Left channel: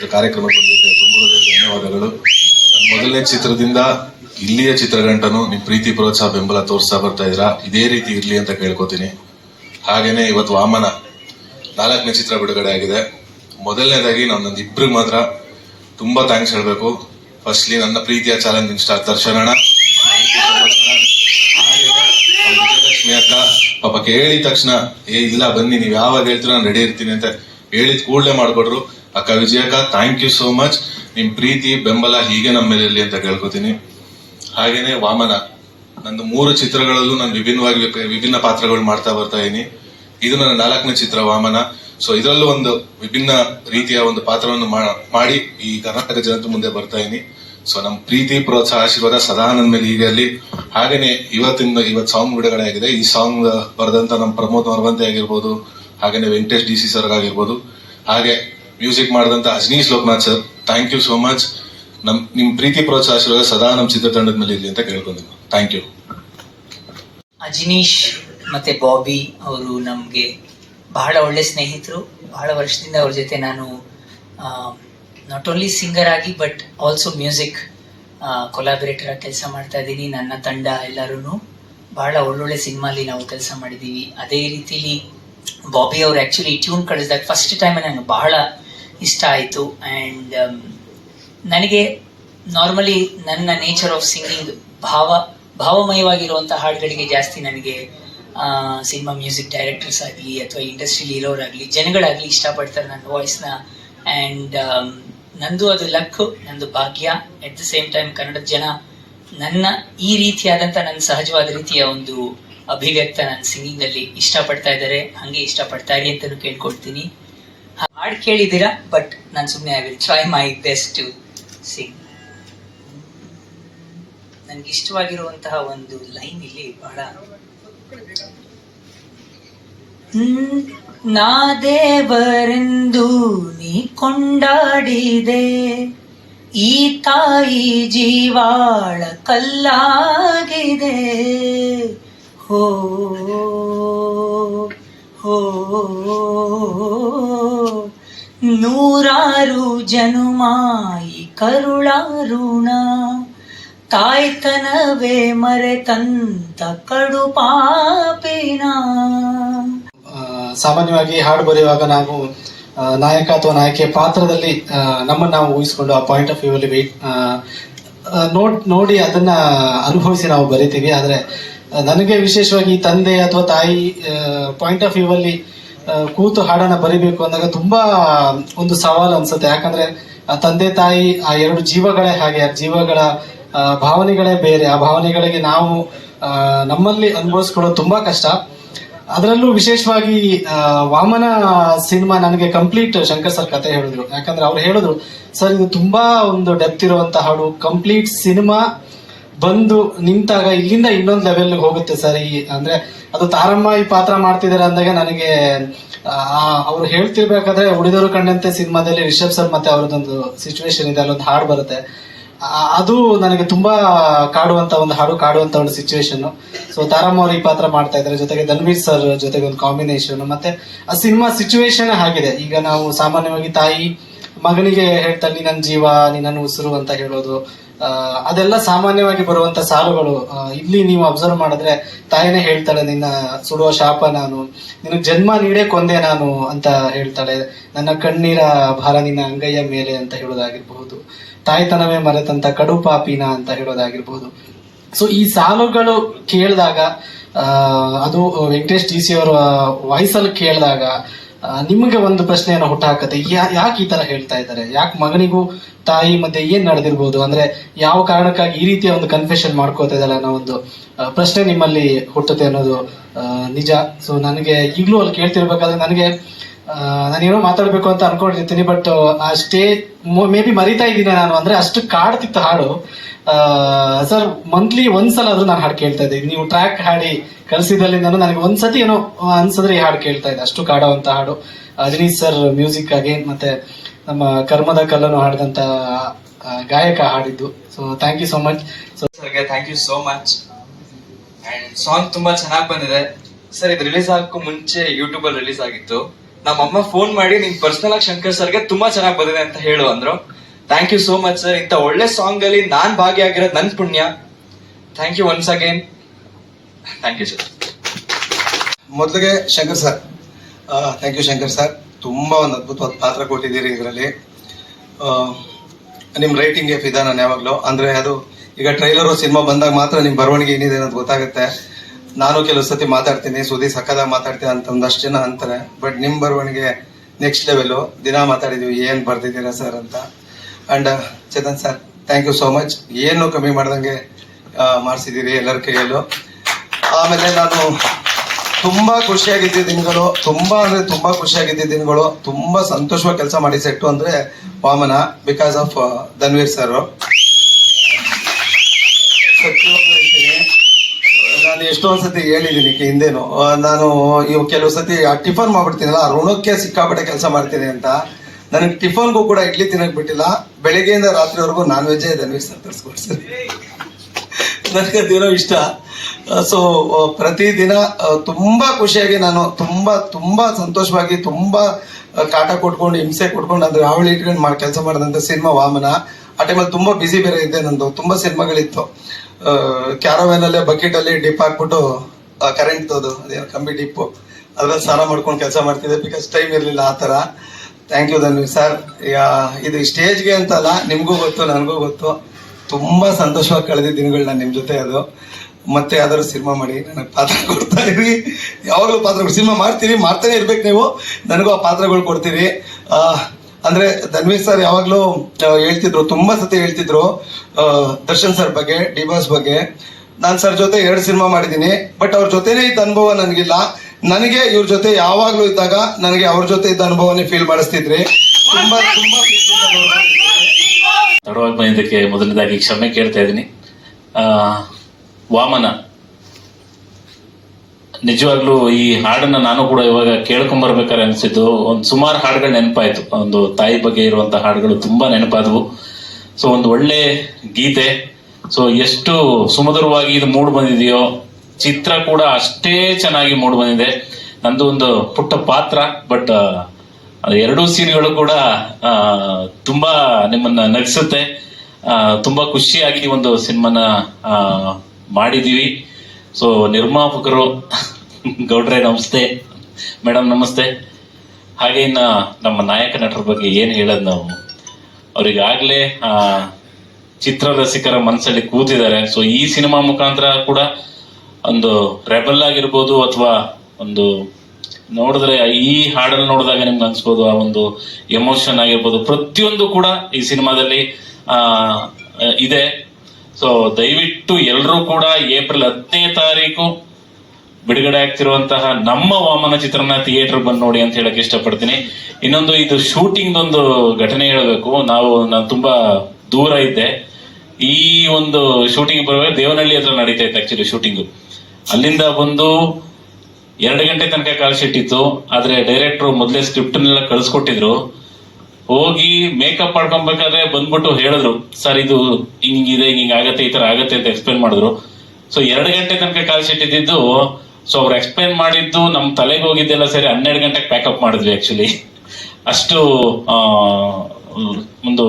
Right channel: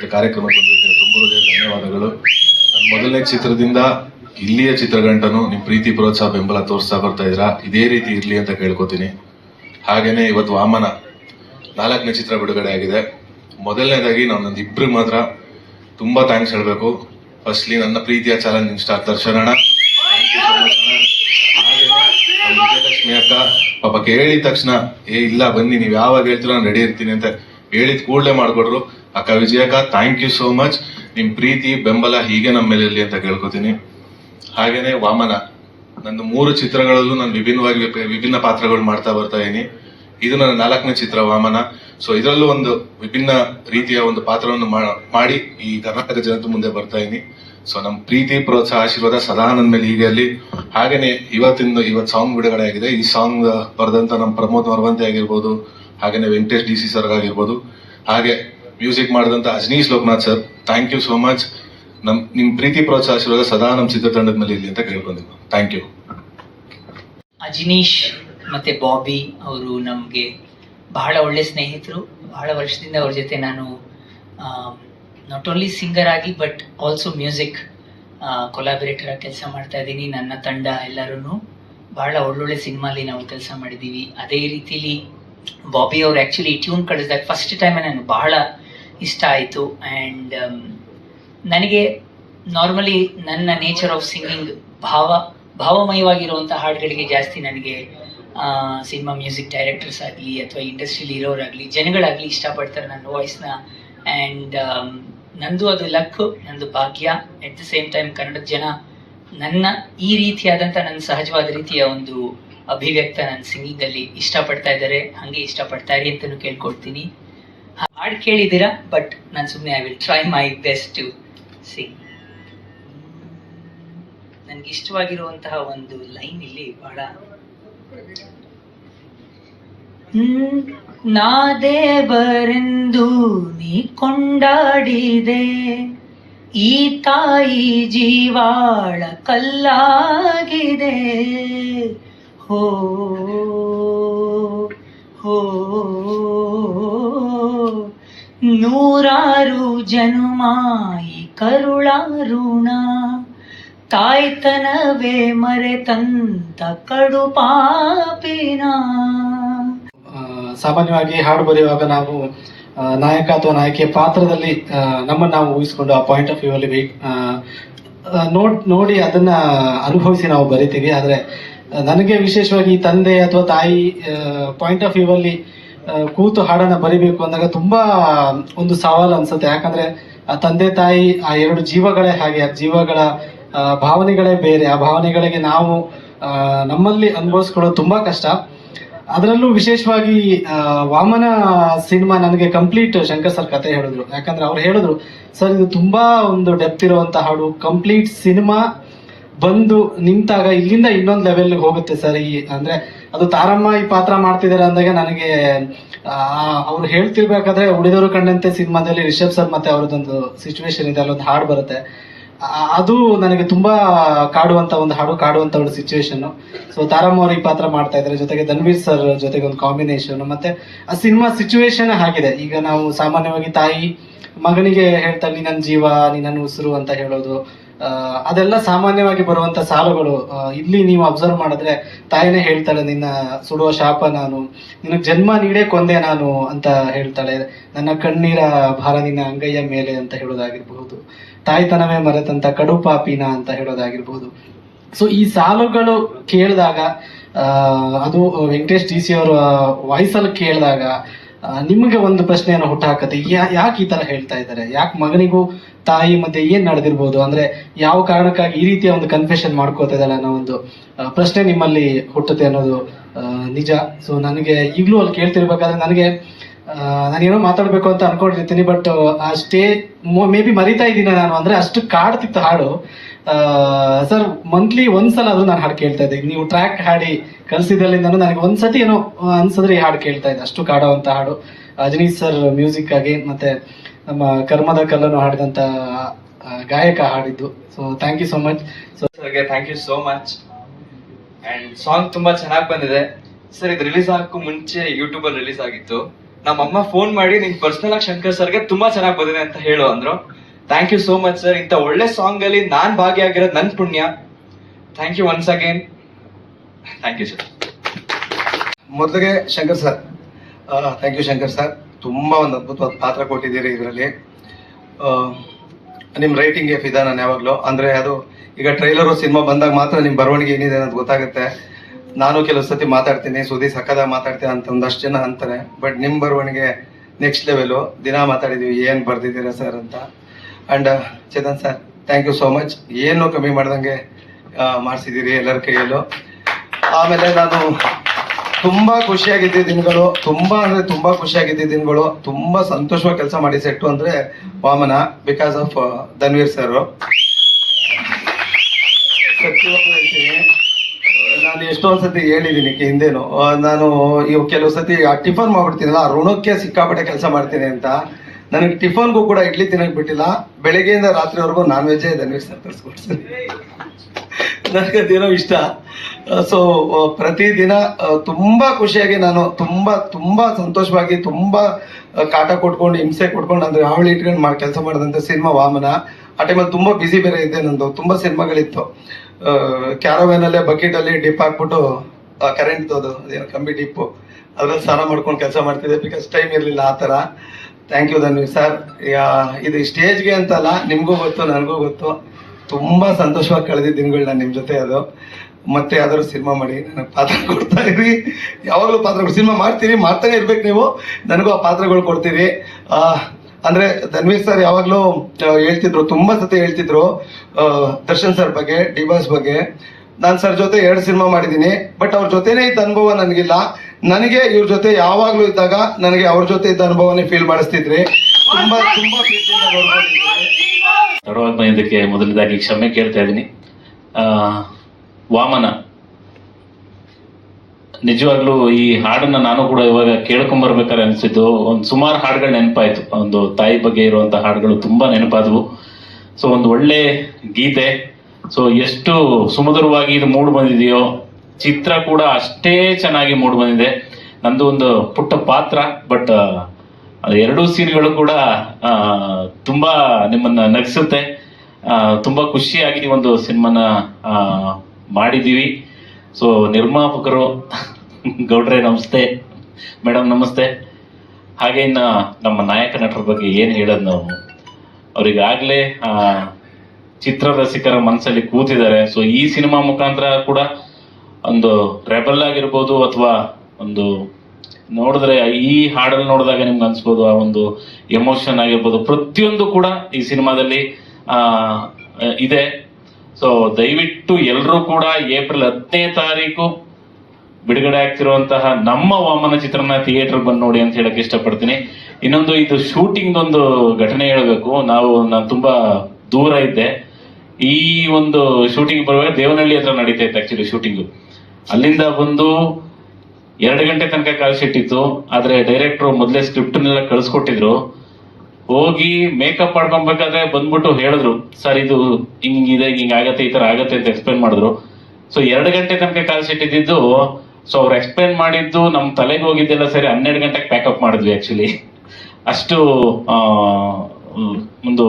ಇವತ್ತು ಕಾರ್ಯಕ್ರಮ ಬಂದಿದೆ. ತುಂಬ ಧನ್ಯವಾದಗಳು. ನನ್ನ ಮೊದಲನೇ ಚಿತ್ರದಿಂದ ಇಲ್ಲಿಯ ಚಿತ್ರಗಂಟನು ನಿಮ್ಮ ಪ್ರೀತಿ ಪ್ರೋತ್ಸಾಹ ಬೆಂಬಲ ತೋರಿಸ್ತಾ ಬರ್ತಾ ಇದ್ದೀರಾ. ಇದೇ ರೀತಿ ಇರಲಿ ಅಂತ ಕೇಳ್ಕೊತೀನಿ. ಹಾಗೇನೆ ಇವತ್ತು ವಾಮನ 4ನೇ ಚಿತ್ರ ಬಿಡುಗಡೆ ಆಗಿದೆ. ಮೊದಲನೇದಾಗಿ ನಾನು ನಂದು ಇಬ್ಬರಿಗೆ ಮಾತ್ರ ತುಂಬಾ ಥ್ಯಾಂಕ್ಸ್ ಹೇಳಬೇಕು. ಫಸ್ಟ್ಲಿ ನನ್ನ ಪ್ರೀತಿಯ ಚಾಲೆಂಜಿಂಗ್ ಸ್ಟಾರ್ ದರ್ಶನಣ್ಣ, ವಿಜಯಲಕ್ಷ್ಮಿ ಅಕ್ಕ ಪಾಪ ಕೇಳಿದ ತಕ್ಷಣ ಇಲ್ಲ ಬನ್ನಿ ನೀವು ಯಾವಾಗ ಹೇಳ್ತೀರ ನಾನು ರೆಡಿ ಇರ್ತೀನಿ ಅಂತ ಹೇಳಿದ ಕೂಡಲೇ ಮಾಡ್ಕೊಡ್ರು. ಅಕ್ಕ ವಿಜಯಕ್ಕ ಥ್ಯಾಂಕ್ ಯು ಸೋ ಮಚ್. ನಿಮ್ ಪ್ರೀತಿ ಬೆಂಬಲ ಹೀಗೆ ನಮ್ಮ ಮೇಲೆ ಇರಲಿ ಅಂತ ಕೇಳ್ಕೊತೀನಿ. ಹಾಗೇನೆ ವಾಮನ ನಂದು 3 ಚಿತ್ರಗಳಲ್ಲೂ ನಾನು ವಿಭಿನ್ನ ಪಾತ್ರಗಳು ಮಾಡ್ತಾ ಬರ್ತಾ ಇದೀನಿ. ಇದು ನನ್ನ 4ನೇ ಚಿತ್ರ ವಾಮನ. ಸೊ ಇದರಲ್ಲೂ ಒಂದು ವಿಭಿನ್ನ ರೀತಿಯ ಒಂದು ಪಾತ್ರವನ್ನು ಮಾಡಿ ಈ ಕರ್ನಾಟಕ ಜನತೆ ಮುಂದೆ ಬರ್ತಾ ಇದೀನಿ. ಸೊ ನಮ್ಮ ಪ್ರೀತಿ ಪ್ರೋತ್ಸಾಹ ಆಶೀರ್ವಾದ ಸದಾ ನನ್ನ ಮೇಲೆ ಹೀಗೆ ಅಲ್ಲಿ. ಹಾಗೇನೆ ಇವತ್ತು ಸಾಂಗ್ ಬಿಡುಗಡೆ ಆಗಿದೆ. ಈ ಸಾಂಗ್ ಬರೆದಂತ ನಮ್ಮ ಪ್ರಮೋದ್ ಮರವಂತೆ ಆಗಿರ್ಬೋದು, ಹಾಗೇನೆ ವೆಂಕಟೇಶ್ DC ಸರ್ ಆಗಿರ್ಬೋದು, ಹಾಗೆ ಮ್ಯೂಸಿಕ್ ಮಾಡಿದಂತ Ajaneesh Loknath sir, thank you so much. ನಿಮ್ ಪ್ರೀತಿ ಪ್ರೋತ್ಸಾಹ ಆಶೀರ್ವಾದ ಸದಾ ನಮ್ಮ ಚಿತ್ರತಂಡದ ಮೇಲೆ ಇರಲಿ ಅಂತ ಕೇಳ್ಕೊಂಡಿದ್ದು. Thank you. ಅಜನೀಶ್ ಮತ್ತೆ ಬಾಬಿ ಅವರು ನಮಗೆ ಬಹಳ ಒಳ್ಳೆ ಸ್ನೇಹಿತರು. ಬಹಳ ವರ್ಷದಿಂದ ಅವ್ರ ಜೊತೆ ನಾನು ನಾಟ್ ಓನ್ಲಿ ಸಿಂಗರ್ ಆಗಿ ಬಟ್ ಆಲ್ಸೋ ಮ್ಯೂಸಿಕ್ ಕೊಲಾಬರೇಟರ್ ಆಗಿ ಕೆಲಸ ಮಾಡ್ತಾ ಇದ್ದೀನಿ. ನನ್ನ ತಂಡ ಎಲ್ಲರೂ ಬಹಳ ಒಳ್ಳೊಳ್ಳೆ ಸಿನಿಮಾಲಿ ನಾವು ಕೆಲಸ ಮಾಡಿದ್ದೀವಿ. ಅದೇ ರೀತಿಲಿ ಬಾಬಿ ಅವರು ಆ್ಯಕ್ಚುಲಿ ಟ್ಯೂನ್ ಕಳಿಸಿದಾಗ ಫಸ್ಟ್ ಟೈಮ್ ನನಗೆ ಬಹಳ ಇಷ್ಟ ಆಯಿತು. ಆ್ಯಂಡ್ ನನಗೆ ನಾರ್ಮಲಿ ನನ್ನ ನೇಚರ್ ಆಫ್ ಸಿಂಗಿಂಗ್ ಭಾವಮಯವಾಗಿರುವಂಥ ಹಾಡುಗಳಿಗೆ ಜಾಸ್ತಿ ನನಗೆ ಸಿನಿಮಾ ಮ್ಯೂಸಿಕ್ ಡೈರೆಕ್ಟರ್ಸ್ ಆಗಲಿ ಅಥವಾ ಇಂಡಸ್ಟ್ರಿಲಿ ಇರೋರಾಗಲಿ ಜನಗಳಾಗಲಿ ಇಷ್ಟಪಡ್ತಾರೆ ನನ್ನ ವಾಯ್ಸ್ನ. ಆ್ಯಂಡ್ ನಂದು ಅದು ಲಕ್, ನಂದು ಭಾಗ್ಯ. ಎಟ್ ದ ಸೇಮ್ ಟೈಮ್ ಕನ್ನಡದ ಜನ ನನ್ನ ಈ ರೀತಿಯಾದಂಥ ನನ್ನ ಸಹಜವಾದ ರೀತಿಯ ಒಂದು ಅಭಿವ್ಯಕ್ತ ನನ್ನ ಸಿಂಗಿಂಗಲ್ಲಿ ಇಷ್ಟಪಡ್ತಾ ಇದ್ದಾರೆ. ಹಾಗೆ ಇಷ್ಟಪಡ್ತಾ ಇರಿ ಅಂತಲೂ ಕೇಳ್ಕೊಡ್ತೀನಿ. ಹಾಡು ಕೇಳಿದ್ದೀರಾ, ಬಟ್ ನಾನು ಸುಮ್ಮನೆ I will try my best to sing. ನನಗೆ ಇಷ್ಟವಾಗಿರುವಂತಹ ಒಂದು ಲೈನ್ ಇಲ್ಲಿ ಬಹಳ ನಾ ದೇವರೆಂದು ನೀ ಕೊಂಡಾಡಿದೆ, ಈ ತಾಯಿ ಜೀವಾಳ ಕಲ್ಲಾಗಿದೆ. ಹೋ ಹೋ ನೂರಾರು ಜನುಮಾಯಿ ಕರುಳಾರುಣ, ತಾಯ್ತನವೇ ಮರೆತಂತ ಕಡು ಪಾಪಿನ. ಸಾಮಾನ್ಯವಾಗಿ ಹಾಡು ಬರೆಯುವಾಗ ನಾವು ನಾಯಕ ಅಥವಾ ನಾಯಕಿಯ ಪಾತ್ರದಲ್ಲಿ ನಮ್ಮನ್ನು ನಾವು ಊಹಿಸ್ಕೊಂಡು ಆ ಪಾಯಿಂಟ್ ಆಫ್ ವ್ಯೂ ಅಲ್ಲಿ ನೋಡಿ ಅದನ್ನ ಅನುಭವಿಸಿ ನಾವು ಬರಿತೀವಿ. ಆದರೆ ನನಗೆ ವಿಶೇಷವಾಗಿ ತಂದೆ ಅಥವಾ ತಾಯಿ ಪಾಯಿಂಟ್ ಆಫ್ ವ್ಯೂ ಅಲ್ಲಿ ಕೂತು ಹಾಡನ್ನ ಬರಿಬೇಕು ಅಂದಾಗ ತುಂಬಾ ಒಂದು ಸವಾಲು ಅನ್ಸುತ್ತೆ. ಯಾಕಂದ್ರೆ ಆ ತಂದೆ ತಾಯಿ ಆ 2 ಜೀವಗಳೇ ಹಾಗೆ, ಆ ಜೀವಗಳ ಭಾವನೆಗಳೇ ಬೇರೆ. ಆ ಭಾವನೆಗಳಿಗೆ ನಾವು ನಮ್ಮಲ್ಲಿ ಅನುಭವಿಸ್ಕೊಳ್ಳೋದು ತುಂಬಾ ಕಷ್ಟ. ಅದರಲ್ಲೂ ವಿಶೇಷವಾಗಿ ವಾಮನ ಸಿನಿಮಾ ನನಗೆ ಕಂಪ್ಲೀಟ್ ಶಂಕರ್ ಸರ್ ಕತೆ ಹೇಳಿದ್ರು. ಯಾಕಂದ್ರೆ ಅವ್ರು ಹೇಳಿದ್ರು, ಸರ್ ಇದು ತುಂಬಾ ಒಂದು ಡೆಪ್ತ್ ಇರುವಂತ ಹಾಡು, ಕಂಪ್ಲೀಟ್ ಸಿನಿಮಾ ಬಂದು ನಿಂತಾಗ ಇಲ್ಲಿಂದ ಇನ್ನೊಂದು ಲೆವೆಲ್ ಹೋಗುತ್ತೆ ಸರ್. ಅಂದ್ರೆ ಅದು ತಾರಮ್ಮ ಈ ಪಾತ್ರ ಮಾಡ್ತಿದ್ದಾರೆ ಅಂದಾಗ ನನಗೆ ಅವ್ರು ಹೇಳ್ತಿರ್ಬೇಕಾದ್ರೆ ಉಳಿದವರು ಕಂಡಂತೆ ಸಿನಿಮಾದಲ್ಲಿ ರಿಷಬ್ ಸರ್ ಮತ್ತೆ ಅವ್ರದ್ದೊಂದು ಸಿಚುವೇಶನ್ ಇದೆ, ಅಲ್ಲೊಂದು ಹಾಡು ಬರುತ್ತೆ. ಅದು ನನಗೆ ತುಂಬಾ ಕಾಡುವಂತ ಒಂದು ಸಿಚುವೇಶನ್. ಸೊ ತಾರಮ್ಮ ಅವ್ರು ಈ ಪಾತ್ರ ಮಾಡ್ತಾ ಇದ್ದಾರೆ, ಜೊತೆಗೆ ಧನ್ವೀರ್ ಸರ್ ಜೊತೆಗೆ ಒಂದು ಕಾಂಬಿನೇಷನ್. ಮತ್ತೆ ಆ ಸಿನಿಮಾ ಸಿಚುವೇಶನ್ ಆಗಿದೆ. ಈಗ ನಾವು ಸಾಮಾನ್ಯವಾಗಿ ತಾಯಿ ಮಗನಿಗೆ ಹೇಳ್ತಾಳೆ ನೀ ನನ್ನ ಜೀವ, ನೀ ನನ್ನ ಉಸಿರು ಅಂತ ಹೇಳೋದು, ಅದೆಲ್ಲ ಸಾಮಾನ್ಯವಾಗಿ ಬರುವಂತ ಸಾಲುಗಳು. ಇಲ್ಲಿ ನೀವು ಅಬ್ಸರ್ವ್ ಮಾಡಿದ್ರೆ ತಾಯಿನೇ ಹೇಳ್ತಾಳೆ, ನಿನ್ನ ಸುಡುವ ಶಾಪ ನಾನು, ನಿನಗೆ ಜನ್ಮ ನೀಡೇ ಕೊಂದೆ ನಾನು ಅಂತ ಹೇಳ್ತಾಳೆ. ನನ್ನ ಕಣ್ಣೀರ ಭಾರ ನಿನ್ನ ಅಂಗೈಯ ಮೇಲೆ ಅಂತ ಹೇಳೋದಾಗಿರ್ಬಹುದು, ತಾಯ್ತನವೇ ಮರೆತಂತ ಕಡು ಪಾಪಿನ ಅಂತ ಹೇಳೋದಾಗಿರ್ಬಹುದು. ಸೊ ಈ ಸಾಲುಗಳು ಕೇಳಿದಾಗ, ಅದು ವೆಂಕಟೇಶ್ DC ಅವರ ವಾಯ್ಸಲ್ಲಿ ಕೇಳಿದಾಗ ನಿಮಗೆ ಒಂದು ಪ್ರಶ್ನೆಯನ್ನು ಹುಟ್ಟುಹಾಕತ್ತೆ. ಯಾಕೆ ಈ ತರ ಹೇಳ್ತಾ ಇದ್ದಾರೆ, ಯಾಕೆ ಮಗನಿಗೂ ತಾಯಿ ಮಧ್ಯೆ ಏನ್ ನಡೆದಿರ್ಬೋದು, ಅಂದ್ರೆ ಯಾವ ಕಾರಣಕ್ಕಾಗಿ ಈ ರೀತಿಯ ಒಂದು ಕನ್ಫೆಷನ್ ಮಾಡ್ಕೋತಾ ಇದ್ದಾರೆ ಅನ್ನೋ ಒಂದು ಪ್ರಶ್ನೆ ನಿಮ್ಮಲ್ಲಿ ಹುಟ್ಟುತ್ತೆ ಅನ್ನೋದು ನಿಜ. ಸೊ ನನಗೆ ಈಗಲೂ ಅಲ್ಲಿ ಕೇಳ್ತಿರ್ಬೇಕಾದ್ರೆ ನನಗೆ ನಾನೇನೋ ಮಾತಾಡ್ಬೇಕು ಅಂತ ಅನ್ಕೊಂಡಿರ್ತೀನಿ, ಬಟ್ ಅಷ್ಟೇ ಮೇ ಬಿ ಮರಿತಾ ಇದ್ದೀನಿ ನಾನು. ಅಂದ್ರೆ ಅಷ್ಟು ಕಾಡ್ತಿತ್ತು ಹಾಡು. ಸರ್ ಮಂತ್ಲಿ ಒಂದ್ಸಲ ಆದ್ರೂ ನಾನು ಹಾಡು ಕೇಳ್ತಾ ಇದ್ದೆ. ನೀವು ಟ್ರ್ಯಾಕ್ ಹಾಡಿ ಕಳ್ಸಿದಲ್ಲಿ ನನಗೆ ಒಂದ್ಸತಿ ಏನೋ ಅನ್ಸಿದ್ರೆ ಈ ಹಾಡು ಕೇಳ್ತಾ ಇದ್ದೆ. ಅಷ್ಟು ಕಾಡುವಂತ ಹಾಡು. ಅಜನೀಶ್ ಸರ್ ಮ್ಯೂಸಿಕ್ ಆಗಿ ಮತ್ತೆ ನಮ್ಮ ಕರ್ಮದ ಕಲ್ಲನ್ನು ಹಾಡಿದಂತ ಗಾಯಕ ಹಾಡಿದ್ದು. So thank you so much. Thank you so much. And song ತುಂಬಾ ಚೆನ್ನಾಗಿ ಬಂದಿದೆ ಸರ್. ಇದು ರಿಲೀಸ್ ಆಗಕ್ಕೂ ಮುಂಚೆ ಯೂಟ್ಯೂಬ್ ಅಲ್ಲಿ ರಿಲೀಸ್ ಆಗಿತ್ತು. ನಮ್ಮಮ್ಮ ಫೋನ್ ಮಾಡಿ ನಿಂಗೆ ಪರ್ಸನಲ್ ಆಗಿ ಶಂಕರ್ ಸರ್ಗೆ ತುಂಬಾ ಚೆನ್ನಾಗಿ ಬಂದಿದೆ ಅಂತ ಹೇಳು ಅಂದ್ರು. Thank you so much sir. ಇಂಥ ಒಳ್ಳೆ ಸಾಂಗ್ ಅಲ್ಲಿ ನಾನ್ ಭಾಗಿಯಾಗಿರೋದು ನನ್ ಪುಣ್ಯ. Thank you once again. Thank you sir. ಮೊದಲಿಗೆ Shankar sir, thank you Shankar sir. ತುಂಬ ಒಂದು ಅದ್ಭುತವಾದ ಪಾತ್ರ ಕೊಟ್ಟಿದ್ದೀರಿ ಇದರಲ್ಲಿ. ನಿಮ್ಮ ರೈಟಿಂಗ್ಗೆ ಫಿದಾ ನಾನು ಯಾವಾಗಲೂ. ಅಂದರೆ ಅದು ಈಗ ಟ್ರೈಲರು ಸಿನಿಮಾ ಬಂದಾಗ ಮಾತ್ರ ನಿಮ್ಮ ಬರವಣಿಗೆ ಏನಿದೆ ಅನ್ನೋದು ಗೊತ್ತಾಗುತ್ತೆ. ನಾನು ಕೆಲವು ಸತಿ ಮಾತಾಡ್ತೀನಿ, ಸುದ್ದಿ ಸಕ್ಕದಾಗಿ ಮಾತಾಡ್ತೀನಿ ಅಂತ ಒಂದಷ್ಟು ಜನ ಅಂತಾರೆ. ಬಟ್ ನಿಮ್ಮ ಬರವಣಿಗೆ ನೆಕ್ಸ್ಟ್ ಲೆವೆಲು. ದಿನ ಮಾತಾಡಿದ್ದೀವಿ ಏನು ಬರ್ದಿದ್ದೀರಾ ಸರ್ ಅಂತ. And Chetan sir, thank you so much. ಏನು ಕಮ್ಮಿ ಮಾಡ್ದಂಗೆ ಮಾಡಿಸಿದ್ದೀರಿ ಎಲ್ಲರ ಕೈಯಲ್ಲೂ. ಆಮೇಲೆ ನಾನು ತುಂಬಾ ಖುಷಿಯಾಗಿದ್ದ ದಿನಗಳು, ತುಂಬಾ ಖುಷಿಯಾಗಿದ್ದ ದಿನಗಳು, ತುಂಬಾ ಸಂತೋಷವಾಗಿ ಕೆಲಸ ಮಾಡಿ ಸೆಟ್ಟು ಅಂದ್ರೆ Vamana, because of Dhanveer sir. ನಾನು ಎಷ್ಟೊಂದು ಸತಿ ಹೇಳಿದ್ದೀನಿ ಹಿಂದೇನು, ನಾನು ಇವು ಕೆಲವು ಸತಿ ಟಿಫನ್ ಮಾಡ್ಬಿಡ್ತೀನಲ್ಲ, ಋಣಕ್ಕೆ ಸಿಕ್ಕಾಪಟ್ಟೆ ಕೆಲಸ ಮಾಡ್ತೀನಿ ಅಂತ. ನನಗೆ ಟಿಫನ್ಗೂ ಕೂಡ ಇಡ್ಲಿ ತಿನ್ನಕ್ ಬಿಟ್ಟಿಲ್ಲ. ಬೆಳಗ್ಗೆಯಿಂದ ರಾತ್ರಿವರೆಗೂ ನಾನ್ ವೆಜ್ಜೇ ಧನ್ವೀರ್ ಸರ್ ತರಿಸ್ಕೊಡ್ತೀನಿ. ನನಗೆ ಅದೇನೋ ಇಷ್ಟ. ಸೊ ಪ್ರತಿದಿನ ತುಂಬಾ ಖುಷಿಯಾಗಿ ನಾನು ತುಂಬಾ ಸಂತೋಷವಾಗಿ, ತುಂಬಾ ಕಾಟ ಕೊಟ್ಕೊಂಡು, ಹಿಂಸೆ ಕೊಟ್ಕೊಂಡು, ಅಂದ್ರೆ ಅವಳು ಇಟ್ಕೊಂಡು ಕೆಲಸ ಮಾಡಿದಂತ ಸಿನಿಮಾ ವಾಮನ. ಆ ಟೈಮಲ್ಲಿ ತುಂಬಾ ಬಿಸಿ ಬೇರೆ ಇದೆ ನಂದು. ತುಂಬಾ ಸಿನಿಮಾಗಳಿತ್ತು. ಕ್ಯಾರವ್ಯಾನ್ ಅಲ್ಲೇ ಬಕೆಟ್ ಅಲ್ಲಿ ಡಿಪ್ ಹಾಕ್ಬಿಟ್ಟು ಕರೆಂಟ್ ತೋದು ಅದೇನು ಕಂಬಿ ಡಿಪ್ಪು ಅದ್ರಲ್ಲಿ ಸ್ನಾನ ಮಾಡ್ಕೊಂಡು ಕೆಲಸ ಮಾಡ್ತಿದ್ದೆ, ಬಿಕಾಸ್ ಟೈಮ್ ಇರಲಿಲ್ಲ ಆ ಥರ. Thank you Dhanveer sir. ಇದು ಸ್ಟೇಜ್ಗೆ ಅಂತಲ್ಲ, ನಿಮಗೂ ಗೊತ್ತು, ನನಗೂ ಗೊತ್ತು. ತುಂಬಾ ಸಂತೋಷವಾಗಿ ಕಳೆದಿದ್ದ ದಿನಗಳು ನಾನು ನಿಮ್ಮ ಜೊತೆ. ಅದು ಮತ್ತೆ ಯಾವ್ದಾದ್ರು ಸಿನಿಮಾ ಮಾಡಿ ನನಗೆ ಪಾತ್ರ ಕೊಡ್ತಾ ಇರಿ. ಯಾವಾಗಲೂ ಪಾತ್ರಗಳು ಸಿನಿಮಾ ಮಾಡ್ತಾನೆ ಇರ್ಬೇಕು ನೀವು. ನನಗೂ ಆ ಪಾತ್ರಗಳು ಕೊಡ್ತೀರಿ. ಅಂದ್ರೆ ಧನ್ವೀರ್ ಸರ್ ಯಾವಾಗಲೂ ಹೇಳ್ತಿದ್ರು, ತುಂಬಾ ಸತಿ ಹೇಳ್ತಿದ್ರು ದರ್ಶನ್ ಸರ್ ಬಗ್ಗೆ, ಡಿ ಬಾಸ್ ಬಗ್ಗೆ. ನಾನು ಸರ್ ಜೊತೆ 2 ಸಿನಿಮಾ ಮಾಡಿದ್ದೀನಿ, ಬಟ್ ಅವ್ರ ಜೊತೆನೇ ಇದ್ದ ಅನುಭವ ನನಗಿಲ್ಲ. ನನಗೆ ಇವ್ರ ಜೊತೆ ಯಾವಾಗಲೂ ಇದ್ದಾಗ ನನಗೆ ಅವ್ರ ಜೊತೆ ಇದ್ದ ಅನುಭವನೇ ಫೀಲ್ ಮಾಡಿಸ್ತಿದ್ರಿ. ತುಂಬಾ ತಡವಾಗಿ ಬಂದಿದ್ದಕ್ಕೆ ಮೊದಲನೇದಾಗಿ ಕ್ಷಮೆ ಕೇಳ್ತಾ ಇದ್ದೀನಿ. ವಾಮನ, ನಿಜವಾಗ್ಲೂ ಈ ಹಾಡನ್ನ ನಾನು ಕೂಡ ಇವಾಗ ಕೇಳ್ಕೊಂಬರ್ಬೇಕಾದ್ರೆ ಅನಿಸಿದ್ದು, ಒಂದು ಸುಮಾರು ಹಾಡುಗಳು ನೆನಪಾಯ್ತು. ಒಂದು ತಾಯಿ ಬಗ್ಗೆ ಇರುವಂತ ಹಾಡುಗಳು ತುಂಬಾ ನೆನಪಾದವು. ಸೊ ಒಂದು ಒಳ್ಳೆ ಗೀತೆ. ಸೊ ಎಷ್ಟು ಸುಮಧುರವಾಗಿ ಇದು ಮೂಡ್ ಬಂದಿದೆಯೋ, ಚಿತ್ರ ಕೂಡ ಅಷ್ಟೇ ಚೆನ್ನಾಗಿ ಮೂಡ್ ಬಂದಿದೆ. ನಂದು ಒಂದು ಪುಟ್ಟ ಪಾತ್ರ, ಬಟ್ ಎರಡೂ ಸೀನ್ಗಳು ಕೂಡ ತುಂಬಾ ನಿಮ್ಮನ್ನ ನಗಿಸುತ್ತೆ. ತುಂಬಾ ಖುಷಿಯಾಗಿ ಒಂದು ಸಿನಿಮಾನ ಮಾಡಿದೀವಿ. ಸೊ ನಿರ್ಮಾಪಕರು ಗೌಡ್ರೆ ನಮಸ್ತೆ, ಮೇಡಮ್ ನಮಸ್ತೆ. ಹಾಗೆ ಇನ್ನ ನಮ್ಮ ನಾಯಕ ನಟರ ಬಗ್ಗೆ ಏನ್ ಹೇಳೋದು ನಾವು, ಅವ್ರಿಗಾಗ್ಲೇ ಚಿತ್ರ ರಸಿಕರ ಮನಸ್ಸಲ್ಲಿ ಕೂತಿದ್ದಾರೆ. ಸೊ ಈ ಸಿನಿಮಾ ಮುಖಾಂತರ ಕೂಡ ಒಂದು ರೆಬಲ್ ಆಗಿರ್ಬೋದು, ಅಥವಾ ಒಂದು ನೋಡಿದ್ರೆ ಈ ಹಾಡಲ್ಲಿ ನೋಡಿದಾಗ ನಿಮ್ಗೆ ಅನ್ಸ್ಬೋದು ಆ ಒಂದು ಎಮೋಷನ್ ಆಗಿರ್ಬೋದು, ಪ್ರತಿಯೊಂದು ಕೂಡ ಈ ಸಿನಿಮಾದಲ್ಲಿ ಇದೆ. ಸೊ ದಯವಿಟ್ಟು ಎಲ್ಲರೂ ಕೂಡ ಏಪ್ರಿಲ್ 10ನೇ ತಾರೀಕು ಬಿಡುಗಡೆ ಆಗ್ತಿರುವಂತಹ ನಮ್ಮ ವಾಮನ ಚಿತ್ರನ ಥಿಯೇಟರ್ ಬಂದು ನೋಡಿ ಅಂತ ಹೇಳಕ್ ಇಷ್ಟಪಡ್ತೀನಿ. ಇನ್ನೊಂದು, ಇದು ಶೂಟಿಂಗ್ ಒಂದು ಘಟನೆ ಹೇಳಬೇಕು. ನಾನು ತುಂಬಾ ದೂರ ಇದ್ದೆ. ಈ ಒಂದು ಶೂಟಿಂಗ್ ಬರುವಾಗ ದೇವನಹಳ್ಳಿ ಹತ್ರ ನಡೀತಾ ಇತ್ತು ಆಕ್ಚುಲಿ ಶೂಟಿಂಗು. ಅಲ್ಲಿಂದ ಬಂದು 2 ಗಂಟೆ ತನಕ ಕಾಲ್ ಶೀಟ್ ಇತ್ತು. ಆದ್ರೆ ಡೈರೆಕ್ಟರ್ ಮೊದಲೇ ಸ್ಕ್ರಿಪ್ಟ್ನೆಲ್ಲ ಕಳ್ಸಿಕೊಟ್ಟಿದ್ರು. ಹೋಗಿ ಮೇಕಪ್ ಮಾಡ್ಕೊಬೇಕಾದ್ರೆ ಬಂದ್ಬಿಟ್ಟು ಹೇಳಿದ್ರು, ಸರ್ ಇದು ಹಿಂಗಿದೆ, ಹಿಂಗ್ ಆಗತ್ತೆ, ಈ ತರ ಆಗತ್ತೆ ಅಂತ ಎಕ್ಸ್ಪ್ಲೇನ್ ಮಾಡಿದ್ರು. ಸೊ 2 ಗಂಟೆ ತನಕ ಕಾಲ್ ಶೀಟ್ ಇದ್ದಿದ್ದು. ಸೊ ಅವ್ರು ಎಕ್ಸ್ಪ್ಲೇನ್ ಮಾಡಿದ್ದು ನಮ್ ತಲೆಗೆ ಹೋಗಿದ್ದೆಲ್ಲ ಸರಿ 12 ಗಂಟೆಗೆ ಪ್ಯಾಕಪ್ ಮಾಡಿದ್ವಿ ಆಕ್ಚುಲಿ. ಅಷ್ಟು ಒಂದು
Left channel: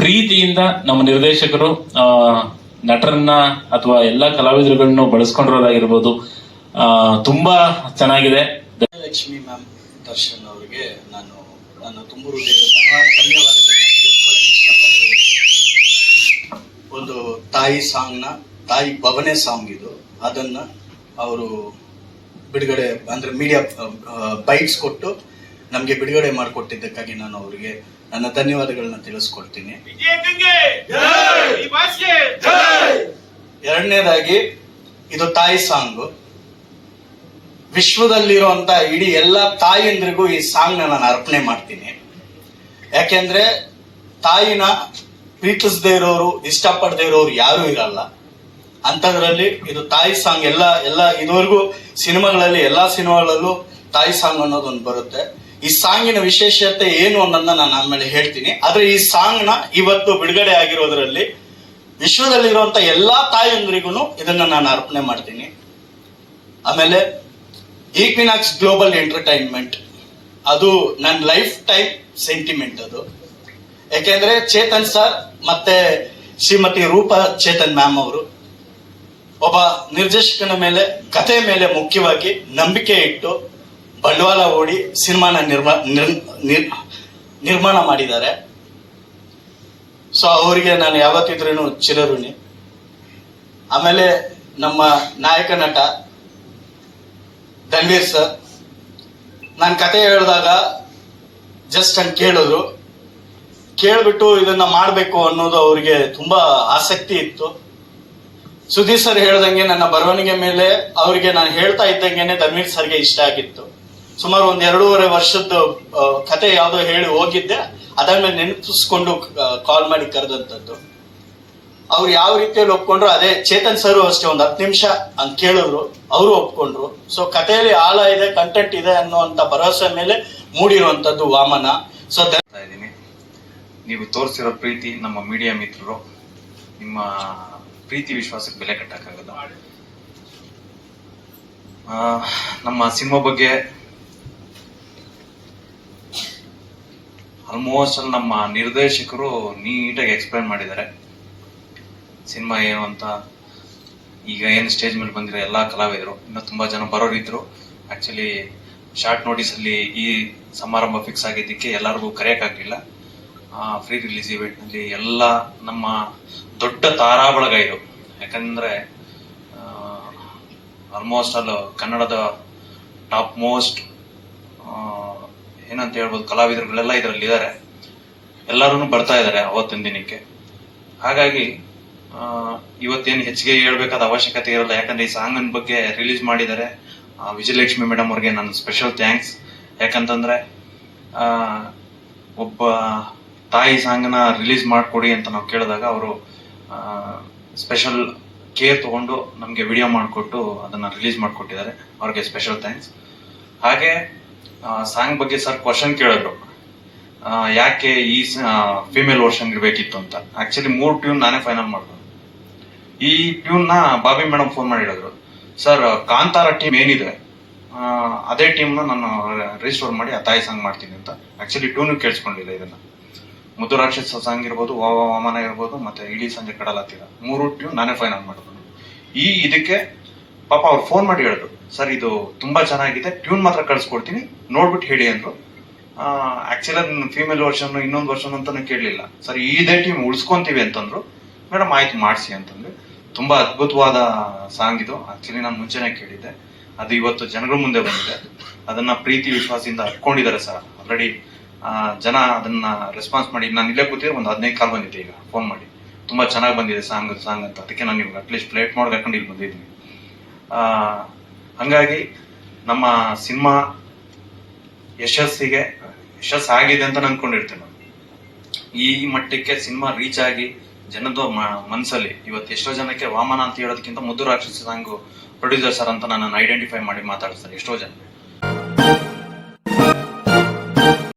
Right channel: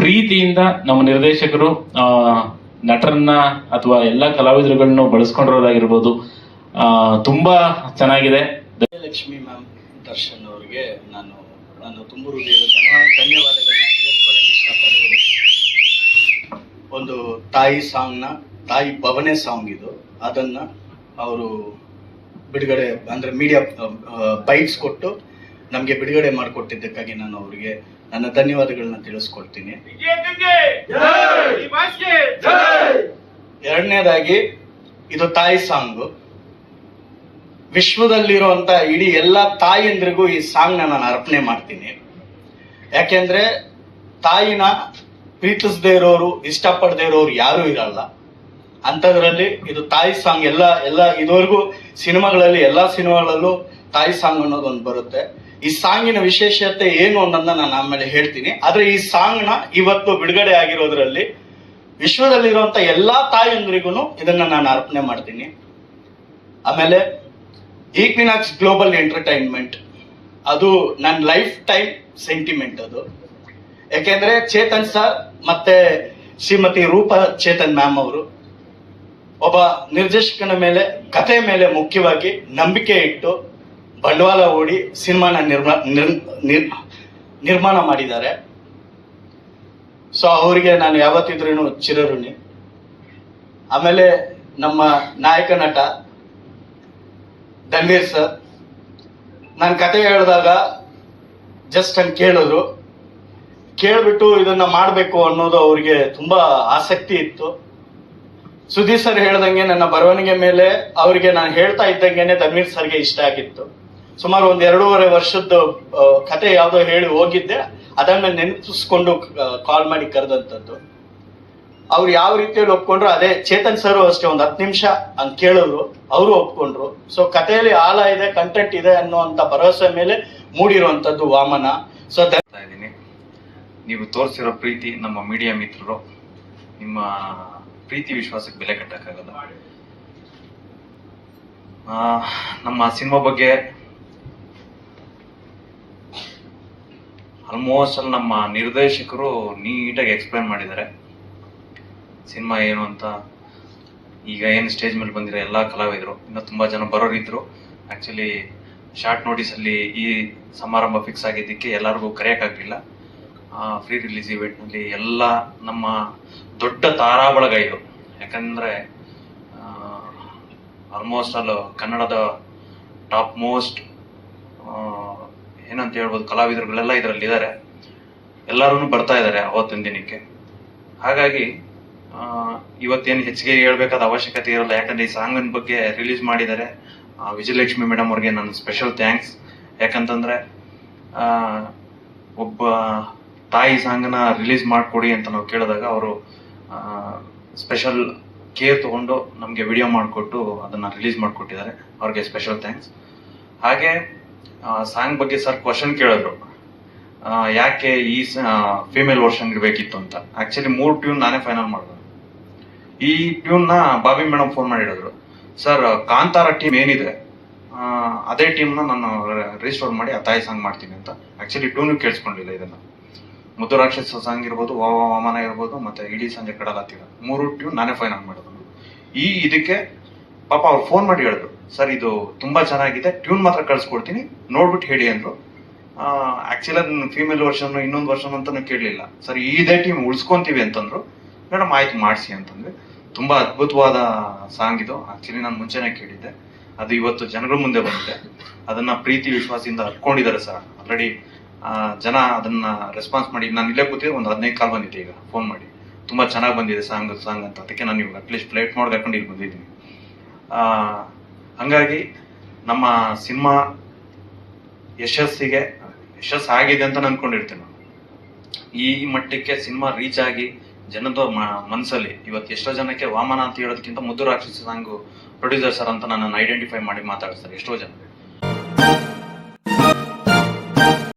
ಪ್ರೀತಿಯಿಂದ ನಮ್ಮ ನಿರ್ದೇಶಕರು ನಟರನ್ನ ಅಥವಾ ಎಲ್ಲಾ ಕಲಾವಿದರುಗಳನ್ನು ಬಳಸ್ಕೊಂಡಿರೋದಾಗಿರ್ಬೋದು, ತುಂಬಾ ಚೆನ್ನಾಗಿದೆ. ಲಕ್ಷ್ಮಿ ಮ್ಯಾಮ್, ದರ್ಶನ್ ಅವರಿಗೆ ನಾನು ತುಂಬ ಧನ್ಯವಾದಗಳನ್ನ ತಿಳಿಸ್ಕೊಳ್ಳೋಕೆ ಇಷ್ಟಪಡ್ತೀನಿ. ಒಂದು ತಾಯಿ ಸಾಂಗ್ನ, ತಾಯಿ ಭವನೆ ಸಾಂಗ್ ಇದು, ಅದನ್ನ ಅವರು ಬಿಡುಗಡೆ ಅಂದ್ರೆ ಮೀಡಿಯಾ ಬೈಟ್ಸ್ ಕೊಟ್ಟು ನಮಗೆ ಬಿಡುಗಡೆ ಮಾಡಿಕೊಟ್ಟಿದ್ದಕ್ಕಾಗಿ ನಾನು ಅವರಿಗೆ ನನ್ನ ಧನ್ಯವಾದಗಳನ್ನ ತಿಳಿಸ್ಕೊಡ್ತೀನಿ. ಎರಡನೇದಾಗಿ, ಇದು ತಾಯಿ ಸಾಂಗು. ವಿಶ್ವದಲ್ಲಿರುವಂತ ಇಡೀ ಎಲ್ಲ ತಾಯಿಯಂದ್ರಿಗೂ ಈ ಸಾಂಗ್ ನಾನು ಅರ್ಪಣೆ ಮಾಡ್ತೀನಿ. ಯಾಕೆಂದ್ರೆ ತಾಯಿನ ಪ್ರೀತಿಸದೇ ಇರೋರು, ಇಷ್ಟಪಡದೇ ಇರೋರು ಯಾರು ಇರಲ್ಲ. ಅಂತದ್ರಲ್ಲಿ ಇದು ತಾಯಿ ಸಾಂಗ್. ಎಲ್ಲ ಇದುವರೆಗೂ ಸಿನಿಮಾಗಳಲ್ಲಿ, ಎಲ್ಲಾ ಸಿನಿಮಾಗಳಲ್ಲೂ ತಾಯಿ ಸಾಂಗ್ ಅನ್ನೋದೊಂದು ಬರುತ್ತೆ. ಈ ಸಾಂಗಿನ ವಿಶೇಷತೆ ಏನು ಅನ್ನೋದನ್ನ ನಾನು ಆಮೇಲೆ ಹೇಳ್ತೀನಿ. ಆದ್ರೆ ಈ ಸಾಂಗ್ ನ ಇವತ್ತು ಬಿಡುಗಡೆ ಆಗಿರೋದ್ರಲ್ಲಿ ವಿಶ್ವದಲ್ಲಿರುವಂತ ಎಲ್ಲಾ ತಾಯಿಯಂದ್ರಿಗೂ ಇದನ್ನ ನಾನು ಅರ್ಪಣೆ ಮಾಡ್ತೀನಿ. ಆಮೇಲೆ ಈಕ್ವಿನಾಕ್ಸ್ ಗ್ಲೋಬಲ್ ಎಂಟರ್ಟೈನ್ಮೆಂಟ್ ಅದು ನನ್ನ ಲೈಫ್ ಟೈಮ್ ಸೆಂಟಿಮೆಂಟ್ ಅದು. ಯಾಕೆಂದ್ರೆ ಚೇತನ್ ಸರ್ ಮತ್ತೆ ಶ್ರೀಮತಿ ರೂಪಾ ಚೇತನ್ ಮ್ಯಾಮ್ ಅವರು ಒಬ್ಬ ನಿರ್ದೇಶಕನ ಮೇಲೆ, ಕಥೆ ಮೇಲೆ ಮುಖ್ಯವಾಗಿ ನಂಬಿಕೆ ಇಟ್ಟು ಬಂಡವಾಳ ಹೂಡಿ ಸಿನಿಮಾನ ನಿರ್ಮಾಣ ಮಾಡಿದ್ದಾರೆ. ಸೊ ಅವರಿಗೆ ನಾನು ಯಾವತ್ತಿದ್ರೂ ಚಿರಋಣಿ. ಆಮೇಲೆ ನಮ್ಮ ನಾಯಕ ನಟ ಧನ್ವೀರ್ ಸರ್, ನಾನು ಕತೆ ಹೇಳಿದಾಗ ಜಸ್ಟ್ ಹಂಗೆ ಕೇಳಿದ್ರು, ಕೇಳ್ಬಿಟ್ಟು ಇದನ್ನ ಮಾಡಬೇಕು ಅನ್ನೋದು ಅವ್ರಿಗೆ ತುಂಬಾ ಆಸಕ್ತಿ ಇತ್ತು. ಸುದೀಪ್ ಸರ್ ಹೇಳ್ದಂಗೆ ನನ್ನ ಬರವಣಿಗೆ ಮೇಲೆ ಅವರಿಗೆ ನಾನು ಹೇಳ್ತಾ ಇದ್ದಂಗೆನೆ ಧನ್ವೀರ್ ಸರ್ಗೆ ಇಷ್ಟ ಆಗಿತ್ತು. ಸುಮಾರು 1.5 ವರ್ಷದ ಕತೆ ಯಾವುದೋ ಹೇಳಿ ಹೋಗಿದ್ದೆ, ಅದನ್ನ ನೆನಪಿಸ್ಕೊಂಡು ಕಾಲ್ ಮಾಡಿ ಕರೆದಂಥದ್ದು. ಅವ್ರು ಯಾವ ರೀತಿಯಲ್ಲಿ ಒಪ್ಕೊಂಡ್ರು, ಅದೇ ಚೇತನ್ ಸರ್ ಅಷ್ಟೇ 10 ನಿಮಿಷ ಹಂಗ್ ಕೇಳಿದ್ರು, ಅವರು ಒಪ್ಕೊಂಡ್ರು. ಸೊ ಕಥೆಯಲ್ಲಿ ಆಳ ಇದೆ, ಕಂಟೆಂಟ್ ಇದೆ ಅನ್ನುವಂತ ಭರವಸೆ ಮೇಲೆ ಮೂಡಿರುವಂತದ್ದು ವಾಮನ. ಸೊ ಇದ್ದೀನಿ, ನೀವು ತೋರಿಸಿರೋ ಪ್ರೀತಿ, ನಮ್ಮ ಮೀಡಿಯಾ ಮಿತ್ರರು, ನಿಮ್ಮ ಪ್ರೀತಿ ವಿಶ್ವಾಸಕ್ಕೆ ಬೆಲೆ ಕಟ್ಟಕ್ಕಾಗಲ್ಲ. ನಮ್ಮ ಸಿನಿಮಾ ಬಗ್ಗೆ ಆಲ್ಮೋಸ್ಟ್ ಅಲ್ಲಿ ನಮ್ಮ ನಿರ್ದೇಶಕರು ನೀಟಾಗಿ ಎಕ್ಸ್ಪ್ಲೈನ್ ಮಾಡಿದ್ದಾರೆ ಸಿನಿಮಾ ಏನು ಅಂತ. ಈಗ ಏನು ಸ್ಟೇಜ್ ಮೇಲೆ ಬಂದಿರೋ ಎಲ್ಲ ಕಲಾವಿದರು, ಇನ್ನು ತುಂಬಾ ಜನ ಬರೋರಿದ್ರು. ಆಕ್ಚುಲಿ ಶಾರ್ಟ್ ನೋಟಿಸ್ ಅಲ್ಲಿ ಈ ಸಮಾರಂಭ ಫಿಕ್ಸ್ ಆಗಿದ್ದಕ್ಕೆ ಎಲ್ಲರಿಗೂ ಕರೆಯಕ್ಕಾಗಲಿಲ್ಲ. ಫ್ರೀ ರಿಲೀಸ್ ಇವೆಂಟ್ ನಲ್ಲಿ ಎಲ್ಲ ನಮ್ಮ ದೊಡ್ಡ ತಾರಾ ಬಳಗ ಇದು. ಯಾಕಂದ್ರೆ ಆಲ್ಮೋಸ್ಟ್ ಅಲ್ಲಿ ಕನ್ನಡದ ಟಾಪ್ ಮೋಸ್ಟ್ ಏನಂತ ಹೇಳ್ಬೋದು ಕಲಾವಿದರುಗಳೆಲ್ಲ ಇದರಲ್ಲಿ ಇದ್ದಾರೆ. ಎಲ್ಲರೂ ಬರ್ತಾ ಇದ್ದಾರೆ ಅವತ್ತಿನ ದಿನಕ್ಕೆ. ಹಾಗಾಗಿ ಇವತ್ತೇನು ಹೆಚ್ಚಿಗೆ ಹೇಳ್ಬೇಕಾದ ಅವಶ್ಯಕತೆ ಇರಲ್ಲ, ಯಾಕಂದ್ರೆ ಈ ಸಾಂಗ್ ಬಗ್ಗೆ ರಿಲೀಸ್ ಮಾಡಿದ್ದಾರೆ. ವಿಜಯಲಕ್ಷ್ಮಿ ಮೇಡಮ್ ಅವ್ರಿಗೆ ನನ್ನ ಸ್ಪೆಷಲ್ ಥ್ಯಾಂಕ್ಸ್. ಯಾಕಂತಂದ್ರೆ ಒಬ್ಬ ತಾಯಿ ಸಾಂಗ್ನ ರಿಲೀಸ್ ಮಾಡಿಕೊಡಿ ಅಂತ ನಾವು ಕೇಳಿದಾಗ ಅವರು ಸ್ಪೆಷಲ್ ಕೇರ್ ತಗೊಂಡು ನಮಗೆ ವಿಡಿಯೋ ಮಾಡಿಕೊಟ್ಟು ಅದನ್ನ ರಿಲೀಸ್ ಮಾಡಿಕೊಟ್ಟಿದ್ದಾರೆ. ಅವ್ರಿಗೆ ಸ್ಪೆಷಲ್ ಥ್ಯಾಂಕ್ಸ್. ಹಾಗೆ ಸಾಂಗ್ ಬಗ್ಗೆ ಸರ್ ಕ್ವಶನ್ ಕೇಳಿದ್ರು, ಯಾಕೆ ಈ ಫಿಮೇಲ್ ವರ್ಷನ್ಗೆ ಬೇಕಿತ್ತು ಅಂತ. ಆಕ್ಚುಲಿ 3 ಟ್ಯೂನ್ ನಾನೇ ಫೈನಲ್ ಮಾಡಿದೆ. ಈ ಟ್ಯೂನ್ ನ ಬಾಬಿ ಮೇಡಮ್ ಫೋನ್ ಮಾಡಿ ಹೇಳಿದ್ರು, ಸರ್ ಕಾಂತಾರ ಟೀಮ್ ಏನಿದೆ ಅದೇ ಟೀಮ್ ನ ನಾನು ರಿಜಿಸ್ಟರ್ ಮಾಡಿ ಆ ತಾಯಿ ಸಾಂಗ್ ಮಾಡ್ತೀನಿ ಅಂತ. ಆಕ್ಚುಲಿ ಟ್ಯೂನ್ ಕೇಳಿಸ್ಕೊಂಡಿದೆ. ಇದನ್ನ ಮುದ್ದು ರಾಕ್ಷಸ ಸಾಂಗ್ ಇರ್ಬೋದು, ವಾಮನ ಇರ್ಬೋದು, ಮತ್ತೆ ಇಡೀ ಸಂಜೆ ಕಡಲಾತಿರ 3 ಟ್ಯೂನ್ ನಾನೇ ಫೈನಲ್ ಮಾಡಿದ್ರು. ಇದಕ್ಕೆ ಪಾಪ ಅವ್ರು ಫೋನ್ ಮಾಡಿ ಹೇಳಿದ್ರು, ಸರ್ ಇದು ತುಂಬಾ ಚೆನ್ನಾಗಿದೆ, ಟ್ಯೂನ್ ಮಾತ್ರ ಕಳ್ಸಿಕೊಡ್ತೀನಿ, ನೋಡ್ಬಿಟ್ಟು ಹೇಳಿ ಅಂದ್ರು. ಆಕ್ಚುಲಿ ಅದನ್ನ ಫೀಮೇಲ್ ವರ್ಷನ್ ಇನ್ನೊಂದು ವರ್ಷನ್ ಅಂತಾನು ಕೇಳಲಿಲ್ಲ. ಸರ್ ಇದೇ ಟೀಮ್ ಉಳಿಸ್ಕೊಂತೀವಿ ಅಂತಂದ್ರು. ಮೇಡಮ್ ಆಯ್ತು ಮಾಡಿಸಿ ಅಂತಂದ್ರೆ. ತುಂಬಾ ಅದ್ಭುತವಾದ ಸಾಂಗ್ ಇದು. ಆಕ್ಚುಲಿ ನಾನು ಮುಂಚೆನೆ ಕೇಳಿದ್ದೆ, ಅದು ಇವತ್ತು ಜನಗಳ ಮುಂದೆ ಬಂದಿದೆ. ಅದನ್ನ ಪ್ರೀತಿ ವಿಶ್ವಾಸದಿಂದ ಹಟ್ಕೊಂಡಿದ್ದಾರೆ ಸರ್. ಆಲ್ರೆಡಿ ಜನ ಅದನ್ನ ರೆಸ್ಪಾನ್ಸ್ ಮಾಡಿ, ನಾನು ಇಲ್ಲೇ ಕೂತಿದ್ರೆ ಒಂದು 15 ಕಾಲ್ ಬಂದಿದೆ ಈಗ ಫೋನ್ ಮಾಡಿ, ತುಂಬಾ ಚೆನ್ನಾಗಿ ಬಂದಿದೆ ಸಾಂಗ್ ಅಂತ. ಅದಕ್ಕೆ ನಾನು ಇವಾಗ ಅಟ್ಲೀಸ್ಟ್ ಫ್ಲೈಟ್ ಮಾಡಿ ಕರ್ಕೊಂಡು ಇಲ್ಲಿ ಬಂದಿದ್ದೀನಿ. ಹಂಗಾಗಿ ನಮ್ಮ ಸಿನಿಮಾ ಯಶಸ್ಸಾಗಿದೆ ಅಂತ ಅನ್ಕೊಂಡಿರ್ತೇನೆ. ಈ ಮಟ್ಟಕ್ಕೆ ಸಿನಿಮಾ ರೀಚ್ ಆಗಿ ಜನದ ಮನಸ್ಸಲ್ಲಿ ಇವತ್ತು ಎಷ್ಟೋ ಜನಕ್ಕೆ ವಾಮನ ಅಂತ ಹೇಳೋದಕ್ಕಿಂತ ಮುದ್ದು ರಾಕ್ಷಸ ಸಾಂಗು ಪ್ರೊಡ್ಯೂಸರ್ ಸರ್ ಅಂತ ನನ್ನನ್ನು ಐಡೆಂಟಿಫೈ ಮಾಡಿ ಮಾತಾಡ್ತಾರೆ ಎಷ್ಟೋ ಜನ.